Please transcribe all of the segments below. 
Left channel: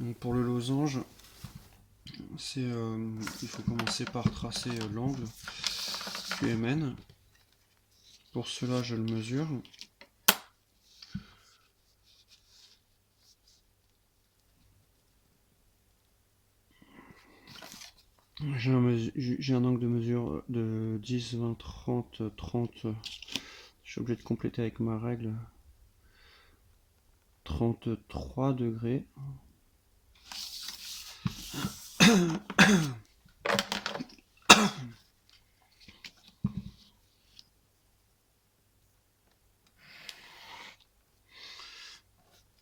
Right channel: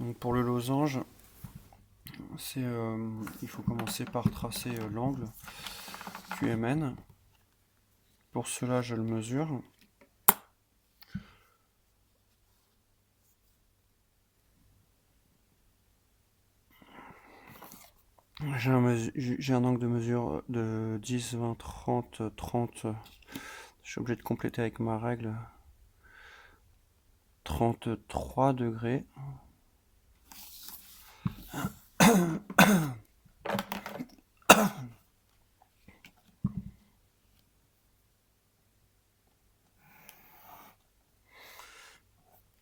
Donc pour le losange, il faut commencer par tracer l'angle QMN. Pour cela, je le mesure. J'ai un angle de mesure de 10, 20, 30, 30. Je suis obligé de compléter avec ma règle. 33 degrés.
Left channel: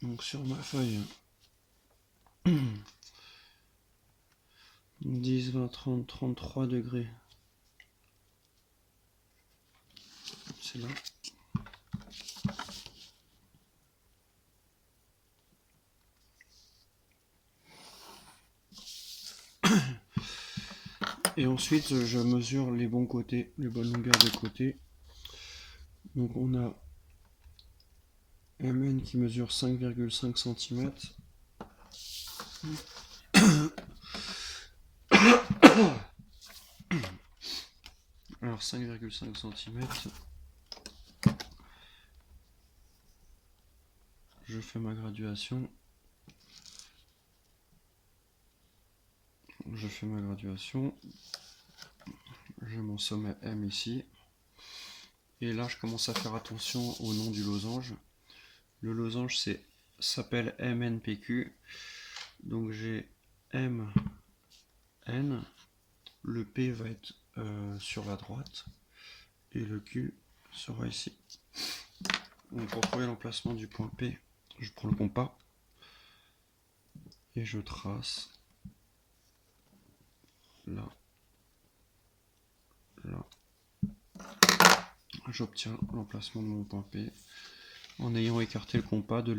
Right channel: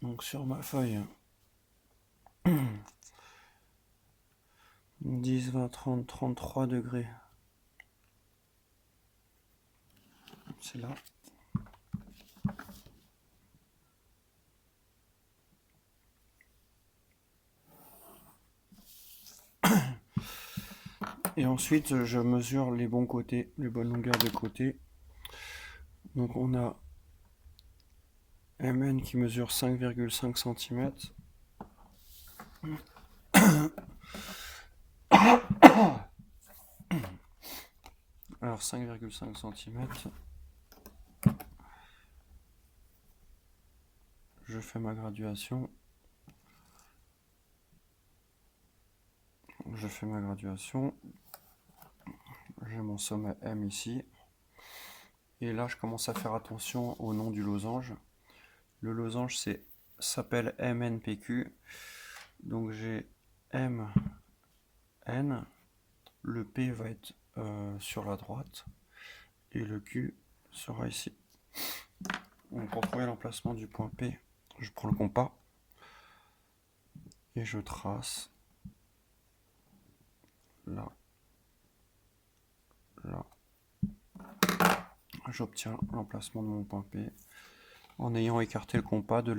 Donc sur ma feuille, 10, 20, 30, 33 degrés. C'est là. Et ensuite, je mesure les bons côtés, les bonnes longueurs de côté. Donc on a MN qui mesure 5,5 cm. Alors 5,5 cm. Je fais ma graduation. J'ai mon sommet M ici. Et là, je commence à faire attention au nom du losange. Le losange s'appelle MNPQ. Donc j'ai M, N. Le P va être sur la droite. Et le Q sera ici. Donc pour trouver l'emplacement du point P, je prends le compas. Et je trace. Là. Là. J'obtiens l'emplacement de mon point P en ayant écarté le compas de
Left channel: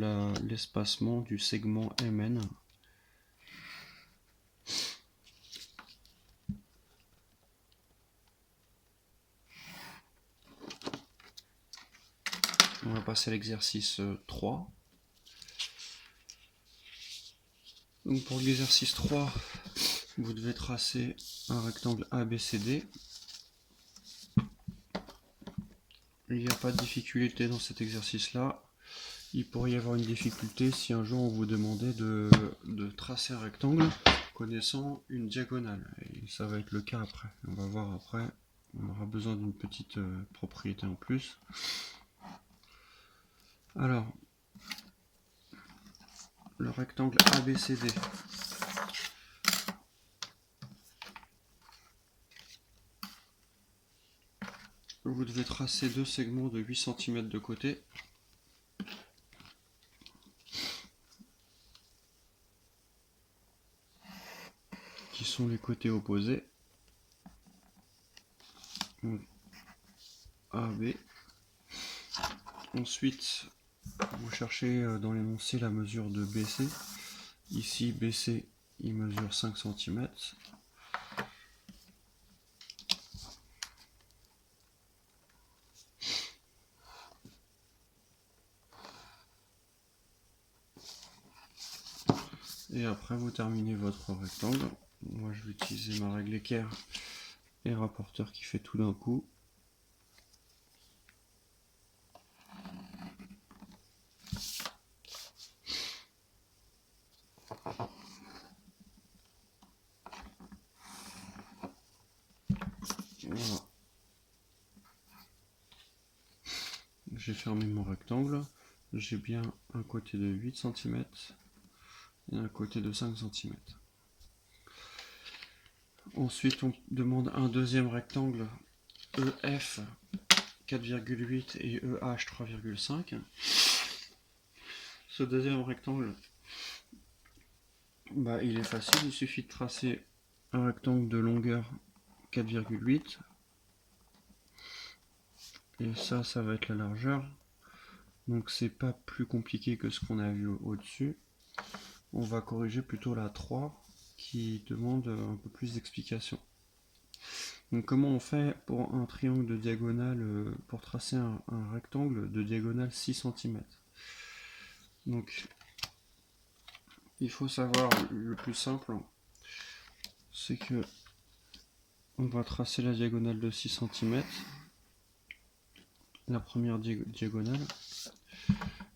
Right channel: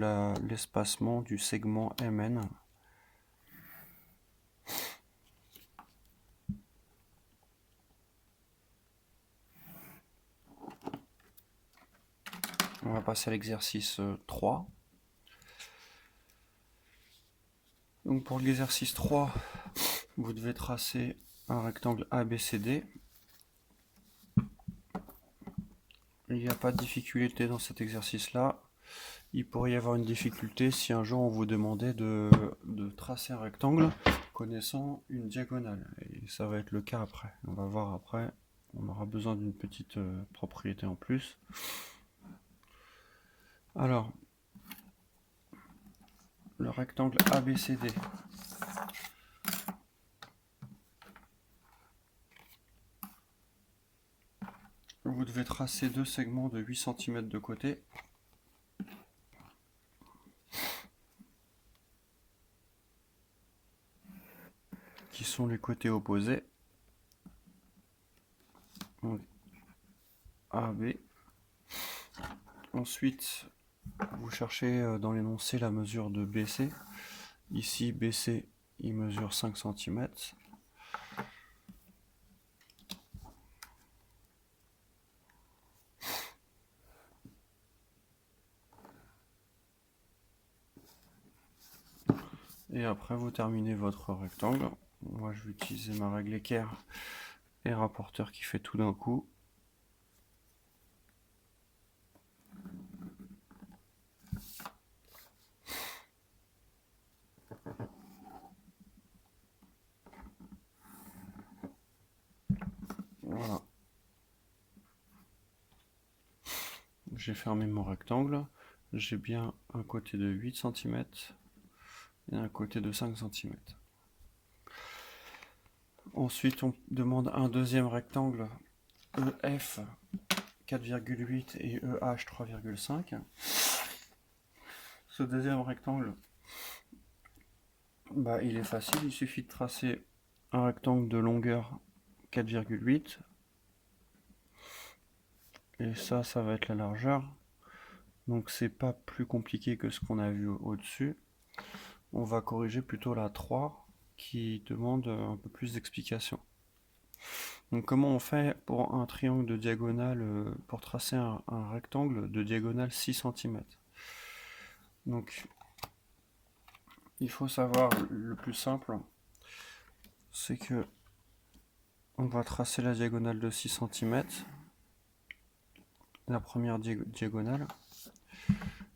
l'espacement du segment MN. On va passer à l'exercice 3. Donc pour l'exercice 3, vous devez tracer un rectangle ABCD. Il n'y a pas de difficulté dans cet exercice-là. Il pourrait y avoir une difficulté si un jour on vous demandait de tracer un rectangle connaissant une diagonale. Et ça va être le cas après. On va voir après. On aura besoin d'une petite propriété en plus. Alors, le rectangle ABCD. Vous devez tracer deux segments de 8 cm de côté. Qui sont les côtés opposés. Donc, AB. Ensuite, vous cherchez dans l'énoncé la mesure de BC. Ici, BC, il mesure 5 cm. Et après, vous terminez votre rectangle. Moi, je vais utiliser ma règle équerre et rapporteur qui fait tout d'un coup. Voilà. J'ai fermé mon rectangle. J'ai bien un côté de 8 cm et un côté de 5 cm. Ensuite, on demande un deuxième rectangle EF 4,8 et EH 3,5. Ce deuxième rectangle, il est facile, il suffit de tracer un rectangle de longueur 4,8 et ça va être la largeur. Donc c'est pas plus compliqué que ce qu'on a vu au-dessus. On va corriger plutôt la 3 qui demande un peu plus d'explication. Donc comment on fait pour un triangle de diagonale, pour tracer un rectangle de diagonale 6 cm. Donc il faut savoir, le plus simple, c'est que on va tracer la diagonale de 6 cm, la première diagonale,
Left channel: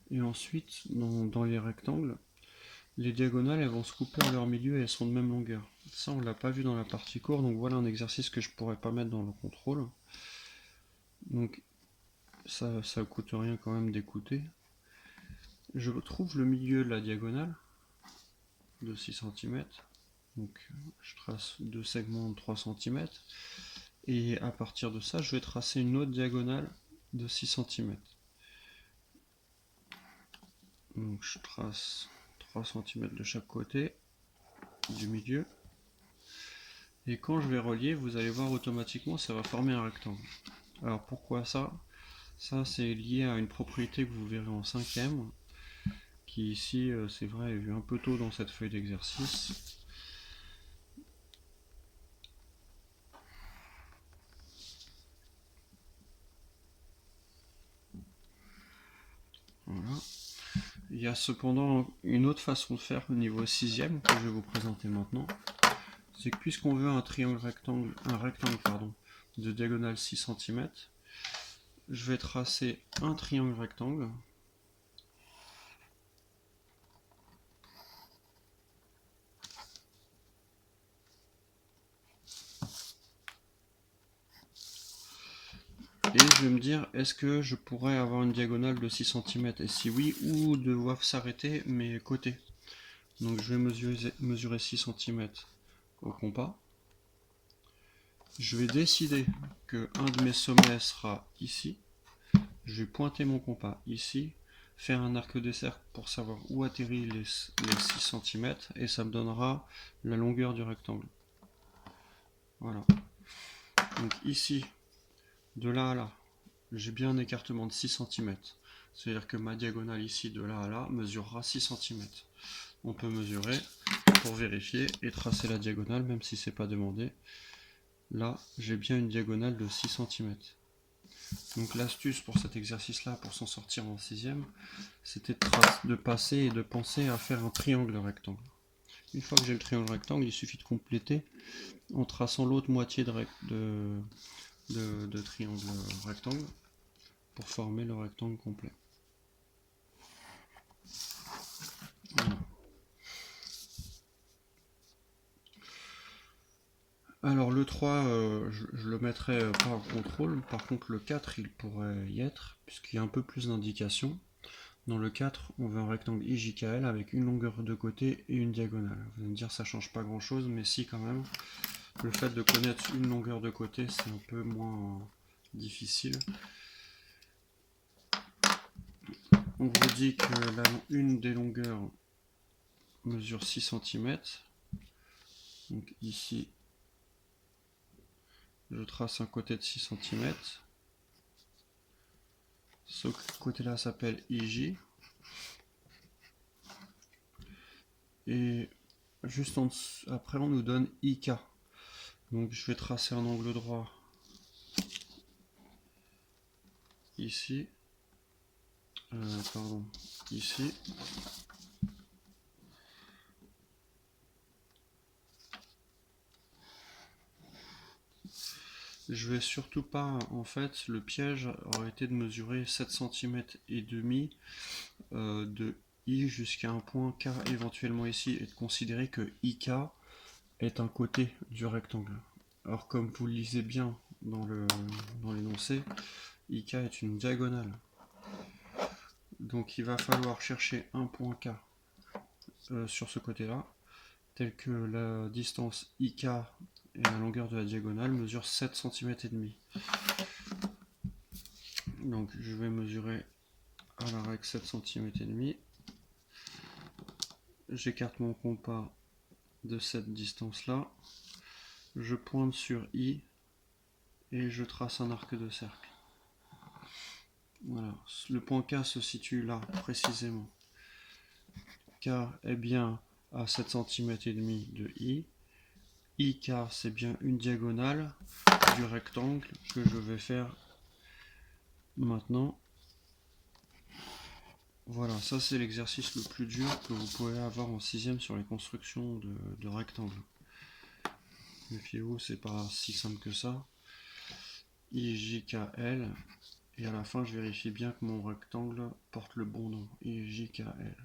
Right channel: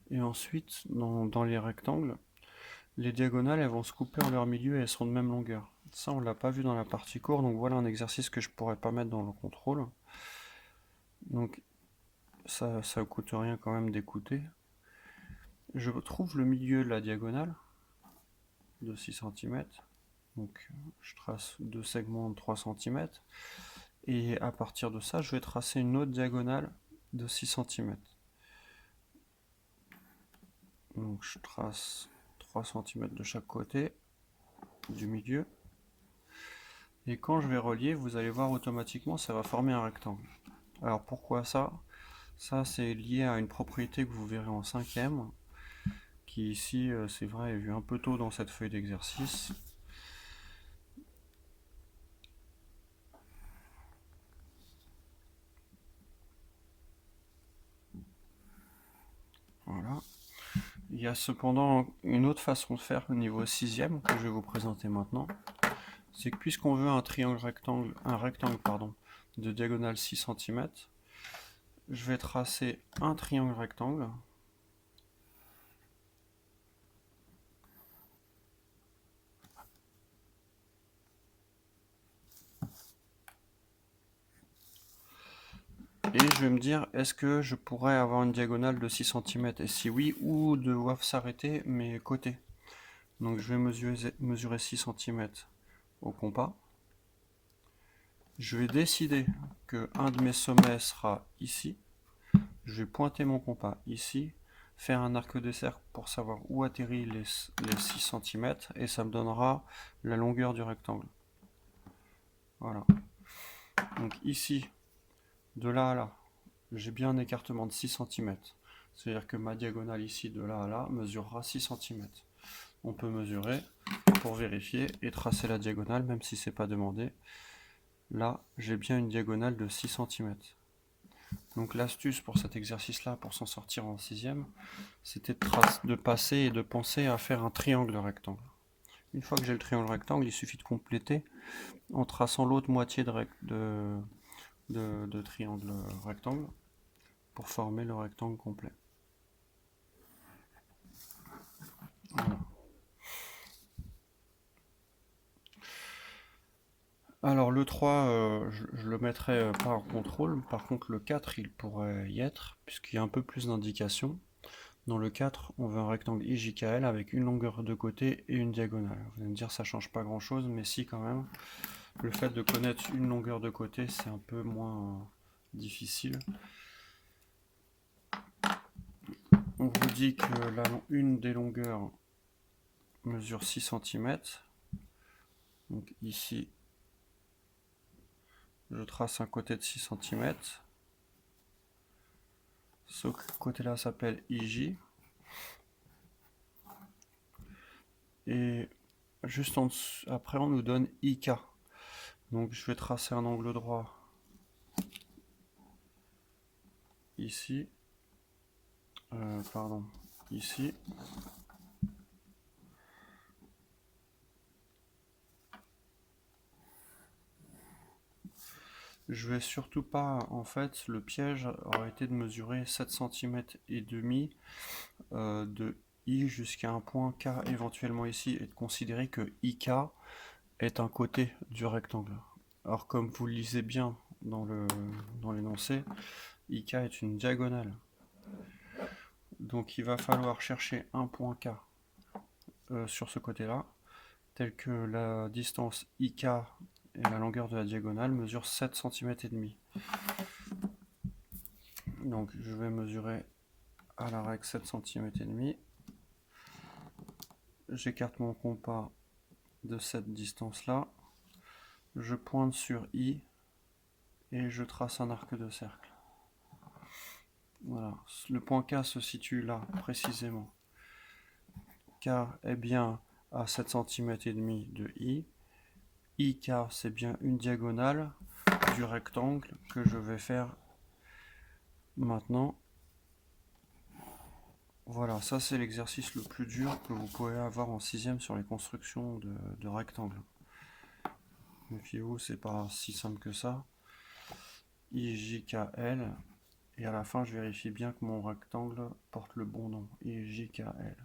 et ensuite, dans les rectangles, les diagonales, elles vont se couper en leur milieu et elles sont de même longueur. Ça, on l'a pas vu dans la partie courte, donc voilà un exercice que je pourrais pas mettre dans le contrôle. Donc, ça coûte rien quand même d'écouter. Je trouve le milieu de la diagonale de 6 cm. Donc, je trace deux segments de 3 cm. Et à partir de ça, je vais tracer une autre diagonale de 6 cm. Donc, je trace 3 cm de chaque côté du milieu. Et quand je vais relier, vous allez voir automatiquement, ça va former un rectangle. Alors, pourquoi ça? Ça, c'est lié à une propriété que vous verrez en 5e, qui ici, c'est vrai, est vue un peu tôt dans cette feuille d'exercice. Voilà. Il y a cependant une autre façon de faire au niveau 6e que je vais vous présenter maintenant. C'est que puisqu'on veut un rectangle de diagonale 6 cm, je vais tracer un triangle rectangle. Et je vais me dire, est-ce que je pourrais avoir une diagonale de 6 cm? Et si oui, où doivent s'arrêter mes côtés? Donc je vais mesurer 6 cm au compas. Je vais décider que un de mes sommets sera ici. Je vais pointer mon compas ici, faire un arc de cercle pour savoir où atterrit les 6 cm et ça me donnera la longueur du rectangle. Voilà. Donc ici, de là à là, j'ai bien un écartement de 6 cm. C'est-à-dire que ma diagonale ici, de là à là, mesurera 6 cm. On peut mesurer pour vérifier et tracer la diagonale, même si c'est pas demandé. Là, j'ai bien une diagonale de 6 cm. Donc l'astuce pour cet exercice-là, pour s'en sortir en 6e, c'était de passer et de penser à faire un triangle rectangle. Une fois que j'ai le triangle rectangle, il suffit de compléter en traçant l'autre moitié de triangle rectangle pour former le rectangle complet. Voilà. Alors le 3, je le mettrai pas en contrôle, par contre le 4 il pourrait y être, puisqu'il y a un peu plus d'indications. Dans le 4, on veut un rectangle IJKL avec une longueur de côté et une diagonale. Vous allez me dire ça change pas grand chose, mais si quand même. Le fait de connaître une longueur de côté, c'est un peu moins difficile. On vous dit que une des longueurs mesure 6 cm. Donc ici, je trace un côté de 6 cm. Ce côté-là s'appelle IJ. Et juste en dessous, après, on nous donne IK. Donc je vais tracer un angle droit ici. Ici. Je vais surtout pas, en fait, le piège aurait été de mesurer 7 cm et demi de I jusqu'à un point K éventuellement ici et de considérer que IK est un côté du rectangle. Alors comme vous le lisez bien dans l'énoncé, IK est une diagonale. Donc il va falloir chercher un point K sur ce côté-là, tel que la distance IK et la longueur de la diagonale mesurent 7 cm et demi. Donc je vais mesurer à la règle 7 cm et demi. J'écarte mon compas de cette distance-là. Je pointe sur I et je trace un arc de cercle. Voilà, le point K se situe là précisément. K est bien à 7 cm et demi de I. IK c'est bien une diagonale du rectangle que je vais faire maintenant. Voilà, ça c'est l'exercice le plus dur que vous pouvez avoir en 6ème sur les constructions de rectangles. Méfiez-vous, c'est pas si simple que ça. IJKL, et à la fin je vérifie bien que mon rectangle porte le bon nom, IJKL.